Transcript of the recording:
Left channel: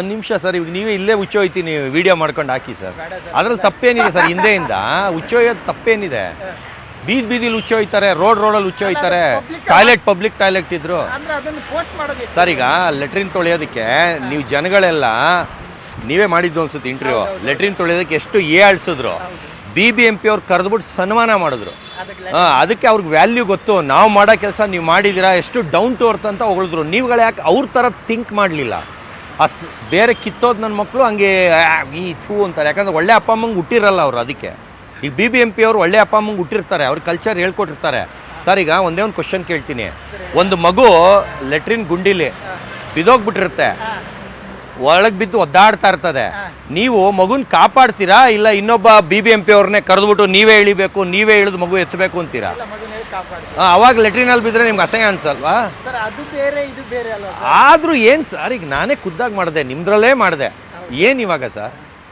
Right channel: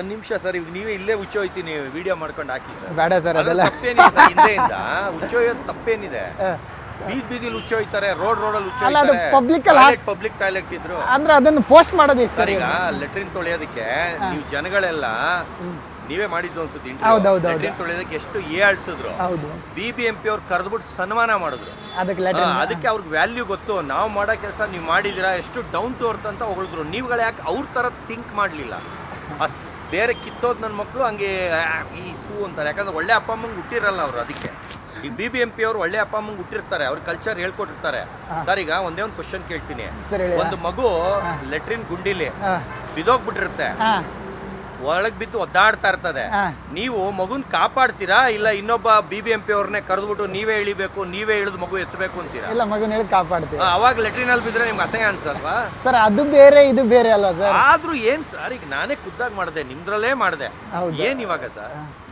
ಒಂದ್ ನಿಮಿಷ ಸರ್, ಇವಾಗ ನೀವೇ ಇಲ್ಲೇ ಹುಚ್ಚೋಯ್ತೀನಿ ವಿಡಿಯೋ ಮಾಡ್ಕೊಂಡು ಹಾಕಿ ಸರ್. ಬೇಡ ಸರ್, ಅದ್ರಲ್ಲಿ ತಪ್ಪೇನಿದೆ ಸರ್? ಹಿಂದೆಯಿಂದ ಹುಚ್ಚೋಯೋದು ತಪ್ಪೇನಿದೆ? ಬೀದಿಲಿ ಹುಚ್ಚೋಯ್ತಾರೆ, ರೋಡಲ್ಲಿ ಹುಚ್ಚೋಯ್ತಾರೆ. ಪಬ್ಲಿಕ್ ಟಾಯ್ಲೆಟ್ ಇದ್ರು ಅಂದ್ರೆ ಅದನ್ನು ಪೋಸ್ಟ್ ಮಾಡೋದು ಸರ್. ಈಗ ಲೆಟ್ರಿನ್ ತೊಳೆಯೋದಕ್ಕೆ ನೀವು ಜನಗಳೆಲ್ಲ ನೀವೇ ಮಾಡಿದ್ದು ಅನ್ಸುತ್ತೆ ಇಂಟರ್ವ್ಯೂ. ಲೆಟ್ರಿನ್ ತೊಳೆಯೋದಕ್ಕೆ ಎಷ್ಟು ಆಳ್ಸಿದ್ರು. BBMP ಅವ್ರು ಕರೆದ್ಬಿಟ್ಟು ಸನ್ಮಾನ ಮಾಡಿದ್ರು. ಅದಕ್ಕೆ ಅವ್ರಿಗೆ ವ್ಯಾಲ್ಯೂ ಗೊತ್ತು. ನಾವು ಮಾಡೋ ಕೆಲಸ ನೀವು ಮಾಡಿದಿರಾ, ಎಷ್ಟು ಡೌನ್ ಟು ಅರ್ತ್ ಅಂತ ಹೊಗಳಿದ್ರು. ನೀವುಗಳು ಯಾಕೆ ಅವ್ರ ಥರ ಥಿಂಕ್ ಮಾಡಲಿಲ್ಲ? ಬೇರೆ ಕಿತ್ತೋದು ನನ್ನ ಮಕ್ಕಳು ಹಂಗೆ ಈ ಥೂ ಅಂತಾರೆ. ಯಾಕಂದ್ರೆ ಒಳ್ಳೆ ಅಪ್ಪ ಅಮ್ಮಂಗೆ ಹುಟ್ಟಿರಲ್ಲ ಅವ್ರು. ಅದಕ್ಕೆ ಈಗ BBMP ಅವರು ಒಳ್ಳೆ ಅಪ್ಪ ಅಮ್ಮಂಗೆ ಹುಟ್ಟಿರ್ತಾರೆ, ಅವ್ರ ಕಲ್ಚರ್ ಹೇಳ್ಕೊಟ್ಟಿರ್ತಾರೆ. ಸರ್, ಈಗ ಒಂದೇ ಒಂದು ಕ್ವಶನ್ ಕೇಳ್ತೀನಿ. ಒಂದು ಮಗು ಲೆಟ್ರಿನ್ ಗುಂಡಿಲಿ ಬಿದ್ದೋಗ್ಬಿಟ್ಟಿರುತ್ತೆ, ಒಳಗೆ ಬಿದ್ದು ಒದ್ದಾಡ್ತಾ ಇರ್ತದೆ. ನೀವು ಮಗುನ್ ಕಾಪಾಡ್ತೀರಾ ಇಲ್ಲ ಇನ್ನೊಬ್ಬ BBMP ಅವ್ರನ್ನೇ ಕರೆದ್ಬಿಟ್ಟು ನೀವೇ ಇಳಿಬೇಕು, ನೀವೇ ಇಳಿದು ಮಗು ಎತ್ತಬೇಕು ಅಂತೀರಾ? ಅವಾಗ ಲೆಟ್ರಿನ್ ಅಲ್ಲಿ ಬಿದ್ರೆ ನಿಮ್ಗೆ ಅಸಹ್ಯ ಅನ್ಸಲ್ವಾ ಸರ್? ಅದು ಬೇರೆ ಇದು ಬೇರೆ ಅಲ್ಲ ಸರ್. ಆದ್ರೂ ಏನ್ ಸರ್, ಈಗ ನಾನೇ ಖುದ್ದಾಗಿ ಮಾಡಿದೆ, ನಿಮ್ದ್ರಲ್ಲೇ ಮಾಡಿದೆ. ಏನ್ ಇವಾಗ ಸರ್?